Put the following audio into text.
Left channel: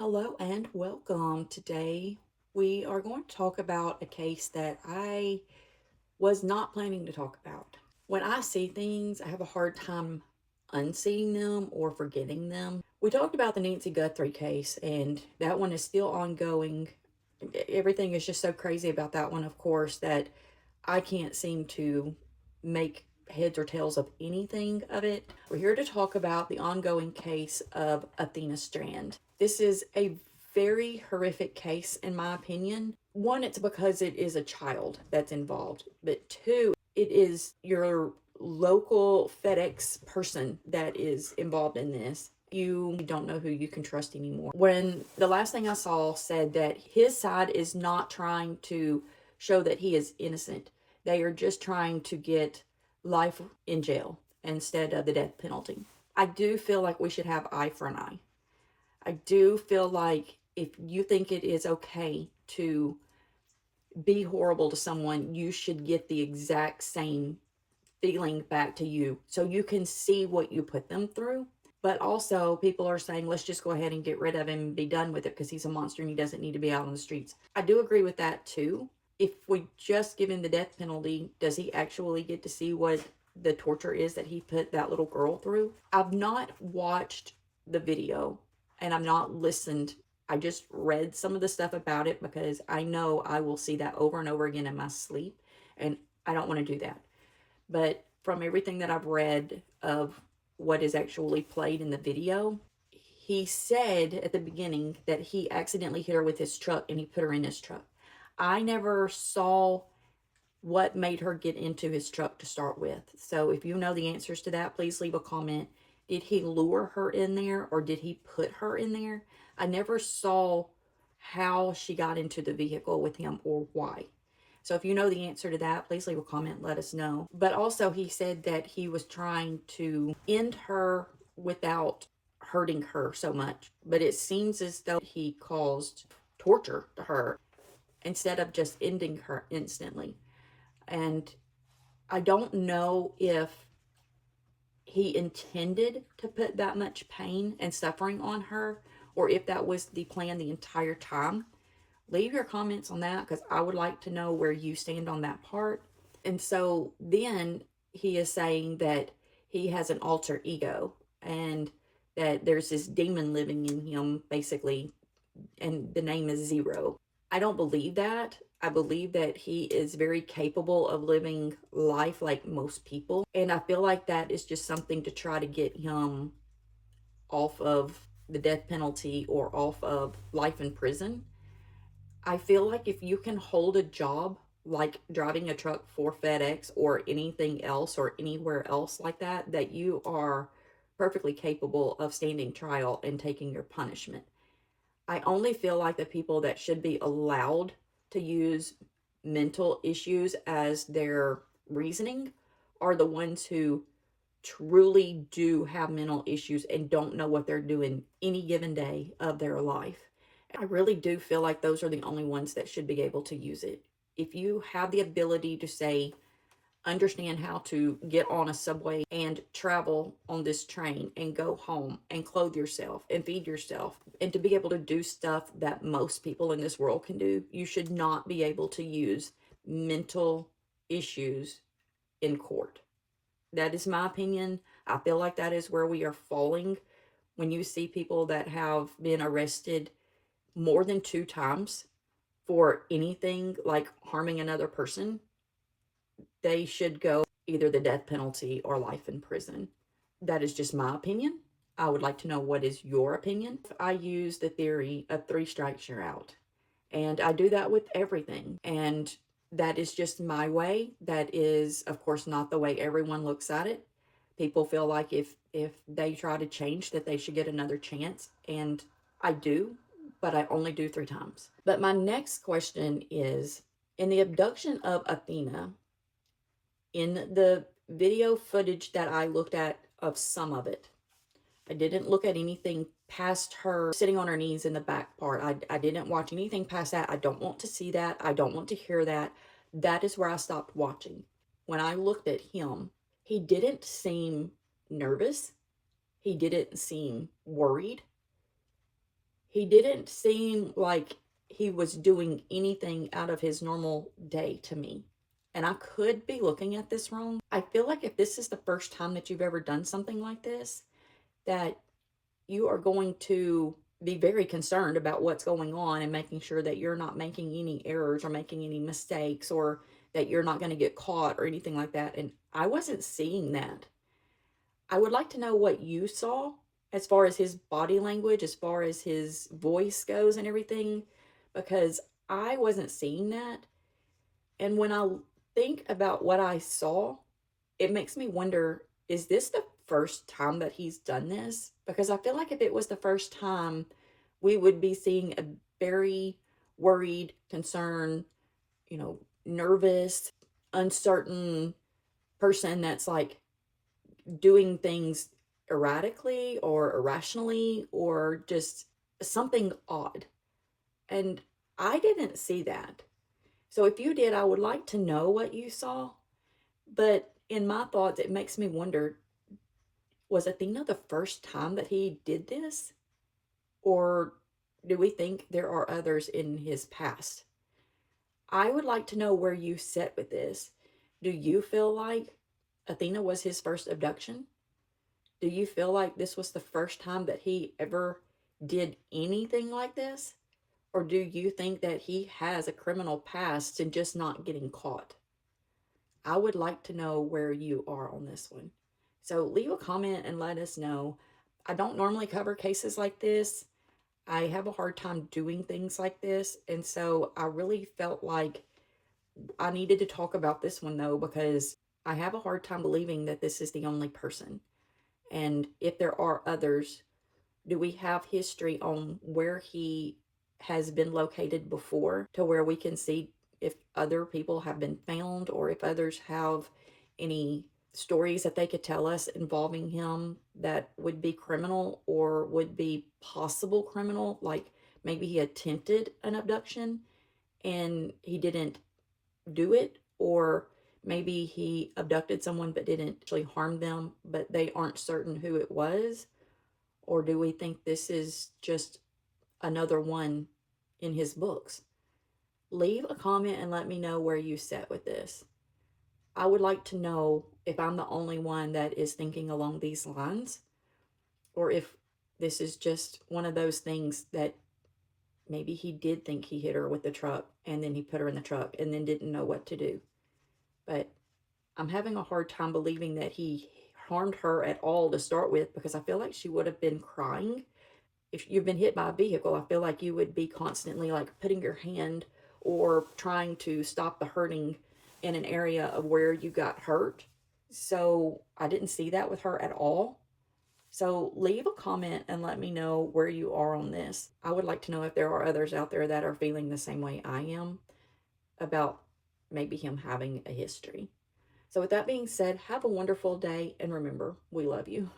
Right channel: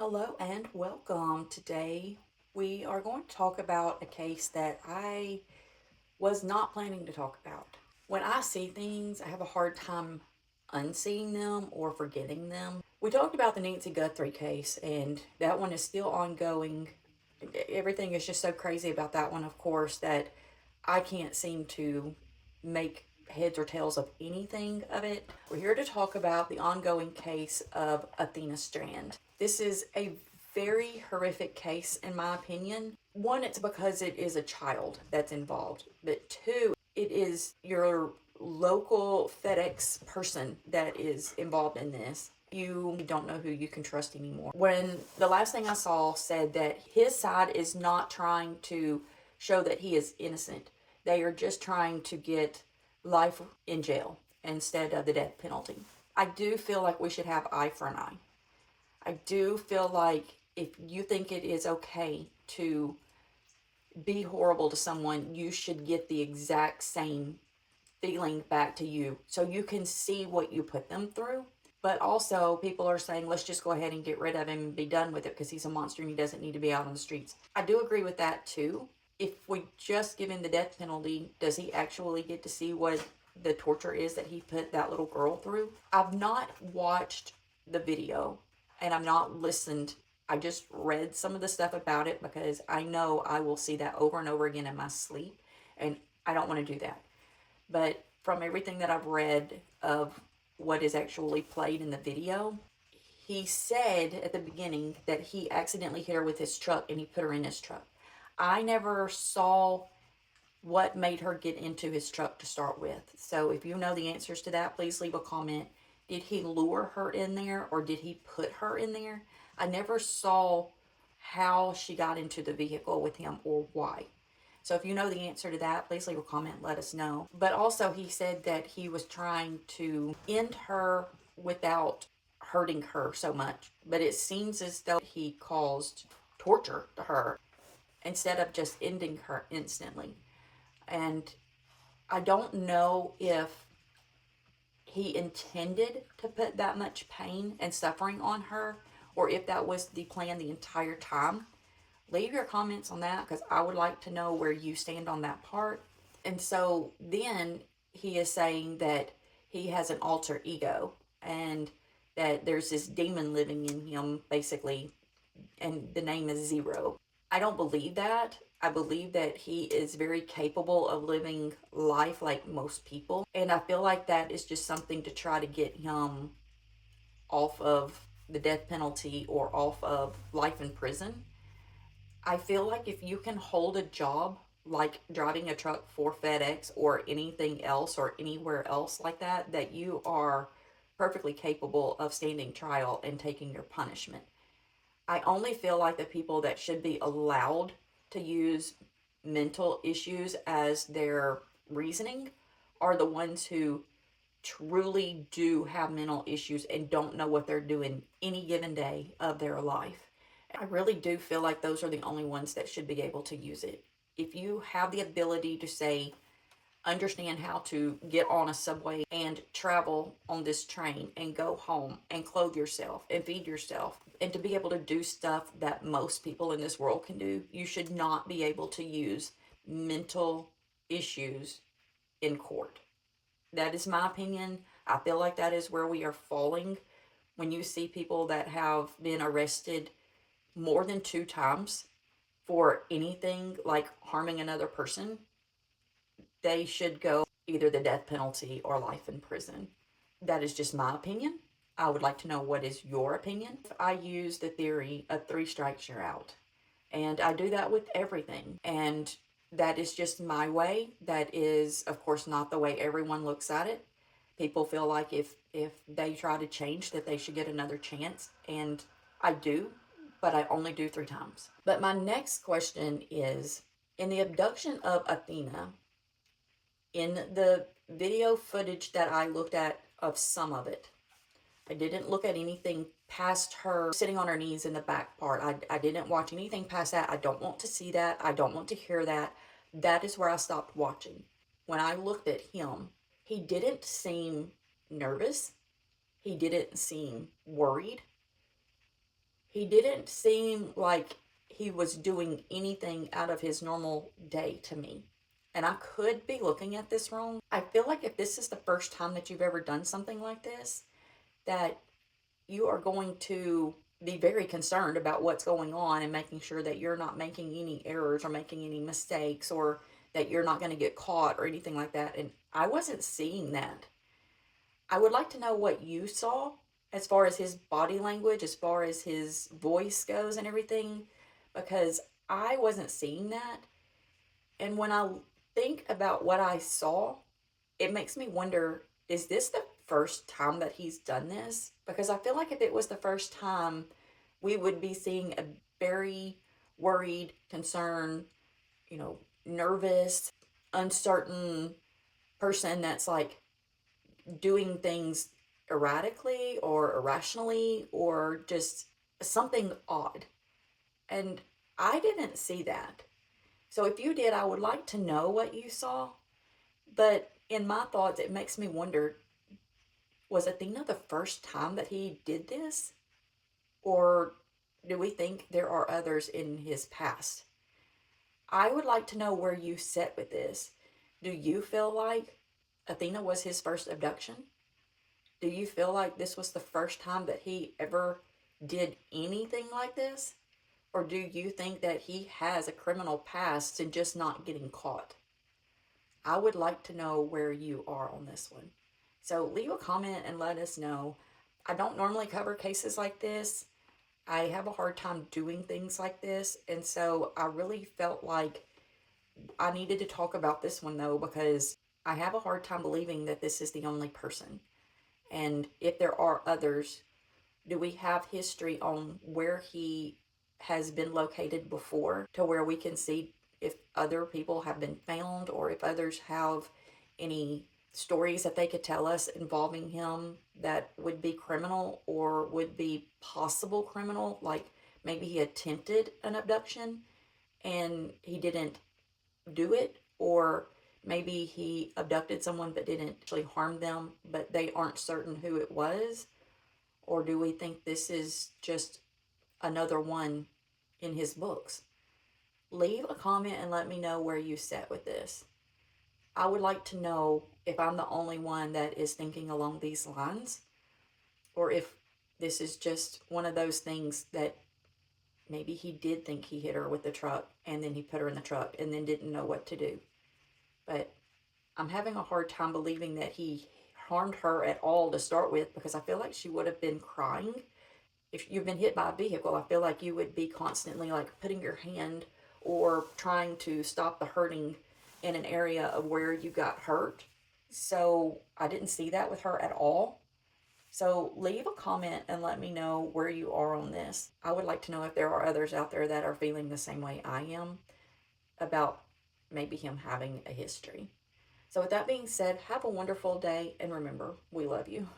Hello and welcome. Today we are going to talk about a case that I was not planning to talk about. When I see things, I have a hard time unseeing them or forgetting them. We talked about the Nancy Guthrie case, and that one is still ongoing. Everything is just so crazy about that one, of course, that I can't seem to make heads or tails of anything of it. We're here to talk about the ongoing case of Athena Strand. This is a very horrific case, in my opinion. One, it's because it is a child that's involved, but two, it is your local FedEx person that is involved in this. You don't know who you can trust anymore. When the last thing I saw said that his side is not trying to show that he is innocent, they are just trying to get life in jail instead of the death penalty. I do feel like we should have eye for an eye. I do feel like if you think it is okay to be horrible to someone, you should get the exact same feeling back to you so you can see what you put them through. But also, people are saying, let's just go ahead and get rid of him and be done with it because he's a monster and he doesn't need to be out on the streets. I do agree with that too. If we just give him the death penalty, does he actually get to see what the torture is that he put that little girl through? I've not watched the video and I've not listened. I just read some of the stuff about it because I know I will see that over and over again in my sleep, and I don't want to do that. But from everything that I've read of what is actually played in the video, he said at the beginning that he accidentally hit her with his truck and he put her in his truck. I never saw what made her get into his truck to start with. So if you know the answers to that, please leave a comment. Did he lure her in there or did he put her in there? I never saw how she got into the vehicle with him or why. So if you know the answer to that, please leave a comment, let us know. But also he said that he was trying to end her without hurting her so much. But it seems as though he caused torture to her instead of just ending her instantly. And I don't know if he intended to put that much pain and suffering on her or if that was the plan the entire time. Leave your comments on that because I would like to know where you stand on that part. And so then he is saying that he has an alter ego and that there's this demon living in him, basically, and the name is Zero. I don't believe that. I believe that he is very capable of living life like most people. And I feel like that is just something to try to get him off of the death penalty or off of life in prison. I feel like if you can hold a job like driving a truck for FedEx or anything else or anywhere else like that, that you are perfectly capable of standing trial and taking your punishment. I only feel like the people that should be allowed to use mental issues as their reasoning are the ones who truly do have mental issues and don't know what they're doing any given day of their life. I really do feel like those are the only ones that should be able to use it. If you have the ability to say, understand how to get on a subway and travel on this train and go home and clothe yourself and feed yourself and to be able to do stuff that most people in this world can do, you should not be able to use mental issues in court. That is my opinion. I feel like that is where we are falling when you see people that have been arrested more than 2 times for anything like harming another person. They should go either the death penalty or life in prison. That is just my opinion. I would like to know what is your opinion. I use the theory of 3 strikes you're out. And I do that with everything. And that is just my way. That is, of course, not the way everyone looks at it. People feel like if they try to change that they should get another chance. And I do, but I only do 3 times. But my next question is, in the abduction of Athena, in the video footage that I looked at of some of it, I didn't look at anything past her sitting on her knees in the back part. I didn't watch anything past that. I don't want to see that. I don't want to hear that. That is where I stopped watching. When I looked at him, he didn't seem nervous. He didn't seem worried. He didn't seem like he was doing anything out of his normal day to me. And I could be looking at this wrong. I feel like if this is the first time that you've ever done something like this, that you are going to be very concerned about what's going on and making sure that you're not making any errors or making any mistakes or that you're not going to get caught or anything like that. And I wasn't seeing that. I would like to know what you saw as far as his body language, as far as his voice goes and everything, because I wasn't seeing that. And when I think about what I saw, it makes me wonder, is this the first time that he's done this? Because I feel like if it was the first time, we would be seeing a very worried, concerned, nervous, uncertain person that's like doing things erratically or irrationally or just something odd. And I didn't see that. So if you did, I would like to know what you saw. But in my thoughts, it makes me wonder, was Athena the first time that he did this? Or do we think there are others in his past? I would like to know where you sit with this. Do you feel like Athena was his first abduction? Do you feel like this was the first time that he ever did anything like this? Or do you think that he has a criminal past and just not getting caught? I would like to know where you are on this one. So leave a comment and let us know. I don't normally cover cases like this. I have a hard time doing things like this. And so I really felt like I needed to talk about this one though, because I have a hard time believing that this is the only person. And if there are others, do we have history on where he has been located before to where we can see if other people have been found or if others have any stories that they could tell us involving him that would be criminal or would be possible criminal, like maybe he attempted an abduction and he didn't do it, or maybe he abducted someone but didn't actually harm them, but they aren't certain who it was? Or do we think this is just another one in his books? Leave a comment and let me know where you sit with this. I would like to know if I'm the only one that is thinking along these lines, or if this is just one of those things that maybe he did think he hit her with the truck and then he put her in the truck and then didn't know what to do. But I'm having a hard time believing that he harmed her at all to start with, because I feel like she would have been crying. If you've been hit by a vehicle, I feel like you would be constantly like putting your hand or trying to stop the hurting in an area of where you got hurt. So I didn't see that with her at all. So leave a comment and let me know where you are on this. I would like to know if there are others out there that are feeling the same way I am about maybe him having a history. So with that being said, have a wonderful day and remember, we love you.